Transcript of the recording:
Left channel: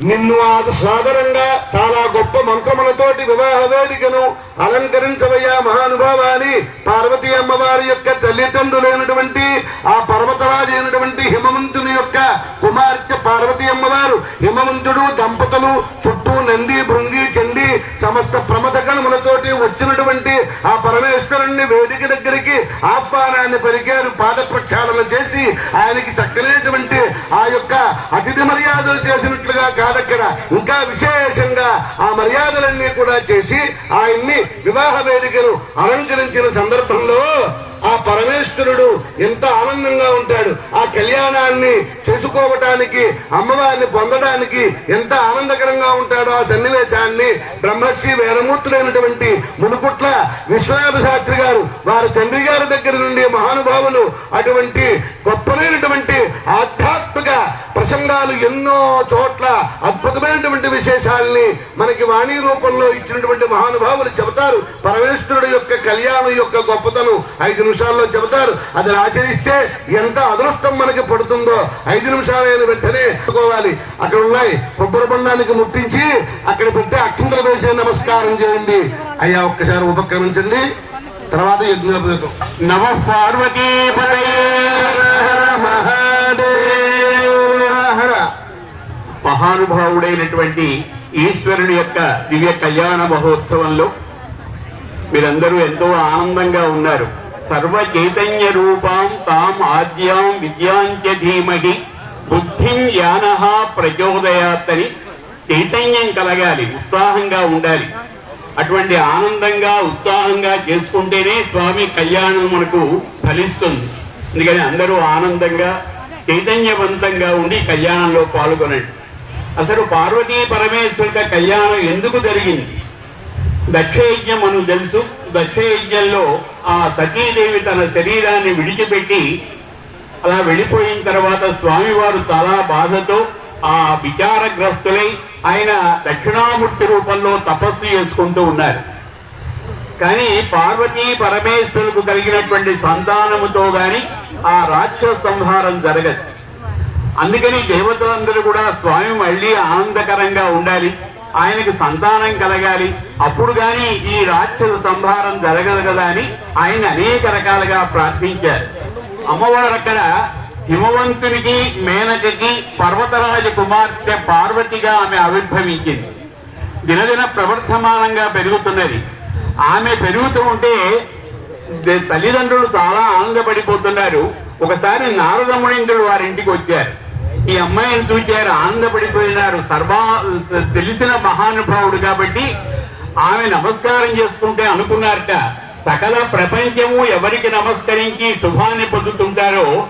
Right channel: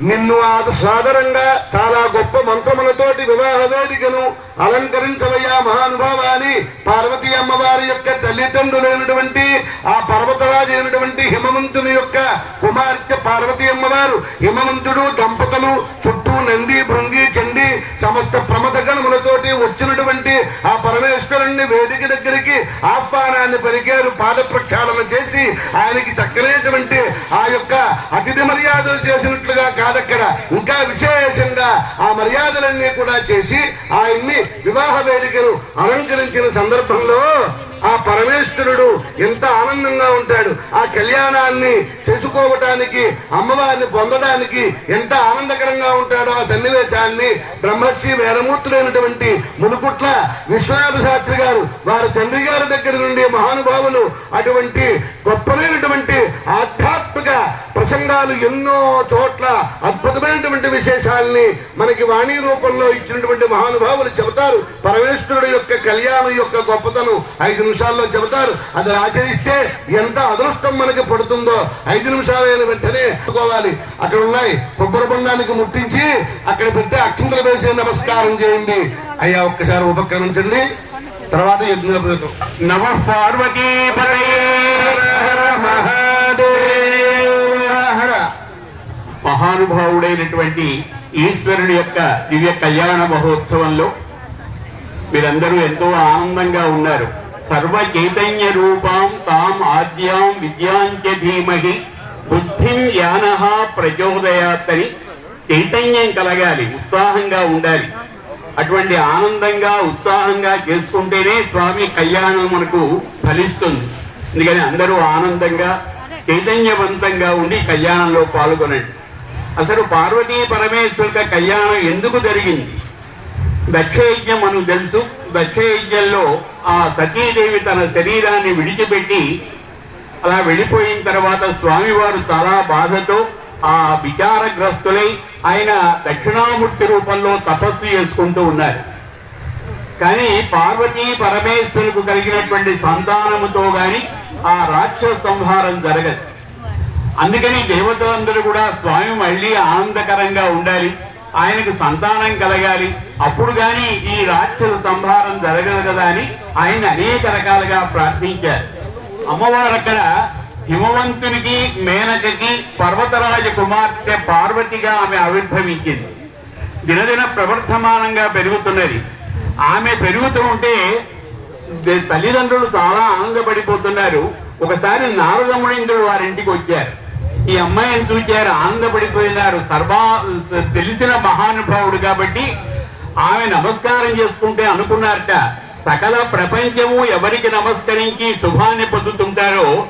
నిన్ను ఆ సాదరంగా చాలా గొప్ప మంత్రములతోటి వివాహ వేదికను అలంకరించవయ్యా మహానుభావాని. పార్వతీ అమ్మవారి యొక్క తల్లిదండ్రులైనటువంటి ఆ పర్వతరాజు అయినటువంటి హిమవంతుని యొక్క కుమార్తె పార్వతీ అమ్మవారు హిమవంతుడు దంపతులు చుట్టూ నంది భృంగి చండి సమస్త ప్రమద గణములతోటి వచ్చినటువంటి ఆ పరమేశ్వరుణ్ణి వేదిక దగ్గరికి ఆహ్వానాన్ని పలికారు పాద ప్రక్షాళన చేసి ఆయనకి చక్కనైనటువంటి ఆ యొక్క అతిథి మర్యాదలు చేసిన కాదక్కడ ఇంకా విశేషంగా ఆ మర్యాదలన్నీ కూడా చేసి ఆయన్ని వివాహ వేదికను అలంకరించిన సందర్భంలో ఆ పరమేశ్వరుడు ఎంత ఆనందంగా ఉంటాడు. ఆ కళ్యాణాన్ని చేసుకోవటానికి అమ్మవారిని పొందడానికి ఎంత ఆనందకరంగా ఉంటాడో ఆ సన్నివేశాన్ని బ్రహ్మశ్రీ వేదమూర్తుడైనటువంటి మునుకుట్ల విశ్వనాథ శాస్త్రి గారు వారి తండ్రి గారి దగ్గర నుండి మహానుభావులు అటువంటి గొప్పమైనటువంటి ఆధ్యాత్మిక ప్రసంగాలు ఎన్నో చోట్ల అద్భుతమైనటువంటి విశేషాలని మనకి వాణి రూపంలో ఇచ్చినటువంటి మహానుభావులు చెబుతారు. పరమేశ్వరు కళ్యాణం యొక్క గొప్పతను. ఐదు నిమిషాల్లో చెబుతారు. అది ఆచరిస్తే ఎంత అదృష్టం మనకి పడుతుందో ఐదు నిమిషాలైన వెంటనే పెట్టుకోవాలి అక్కడ ఉన్నాయి. కొబ్బరి బండానికి ముట్టించి అక్కడ పెట్టి అక్షంతలు వేసే నమస్కారం చేయండి. అయ్యా ఒక్కసారి ఉపక్రమించండి. తర్వాత యజ్ఞోపేతం నవ పార్వతీ మహానుభావుడైనటువంటి ఈశ్వరుడి యొక్క దివ్య కళ్యాణ మహోత్సవంలో మీరందరూ ఎంతో ఆనందంగా ఉన్నారు. సర్వ చైతన్య రూపాం తాం ఆద్యాం విద్యాంత్య ధీమహి. బుద్ధిం యాన ప్రచోదయాత్తని చైతన్యం కలగాలి ఉత్సాహంగా ఉండాలి. అటువంటి ఆనందంగా ఉత్సాహంగా చేసుకుంటేనే స్వామి కళ్యాణం మనకు ఫలిస్తుంది. అందుకని అందరూ ఆనందంగా చైతన్యవంతంగా ఉండి కళ్యాణంలో పాల్గొనండి. అసలు పార్వతీ పరమేశ్వరుల కళ్యాణం ఎందుకు జరిగింది? దక్షయజ్ఞం మనం తెలుసు. దక్షయజ్ఞంలో ఆ సతీదేవి తన శరీరాన్ని విడిచిపెట్టి అలా వెళ్ళిపోయిన తర్వాత స్వామివారు చాలా బాధతో ఆ విచారగ్రస్తులై ఆయన దక్షిణామూర్తి రూపంలో తపస్సు చేసుకుంటూ ఉన్నారు. కానీ పార్వతీ పరమేశ్వరులకు కలిగినటువంటి సంతానముతో గాని ఆ రాక్షస సంహారం జరగదు. అందుకని దేవతలందరూ కూడా స్వామి మళ్ళీ ఆనందకరంగా ఉండాలి. ఆయనకు సంతానం కలగాలి. అప్పుడు గాని ఈ రాక్షస సంహారం జరగదు కదా అని ఆయన అనేక రకాలుగా ప్రార్థించారు. అమ్మవారు అక్కడ హిమవంతునికి మేనకకి పర్వతరాజ కుమార్తె పార్వతిగా ఆమె ఆవిర్భవించింది. దినదిన ప్రవర్ధమానంగా పెరుగుతున్నది. ఆమె పెరుగుతూ ఉంటే తల్లిదండ్రులు చాలా ఆనందపడిపోతున్నారు. ఒకసారి నారదమునీంద్రుడు వారి ఇంటికి వచ్చారు. ఈ అమ్మాయిని చూచారు ఆనందపడిపోయినారు సర్వా తెలిసిన మహానుభావుడు కాబట్టి ఆమె నమస్కారం చేసుకుంటే అనుకున్నారట. సకల ప్రపంచము ఎవరికి నమస్కరించి శుభాన్ని పొందుతుంటారో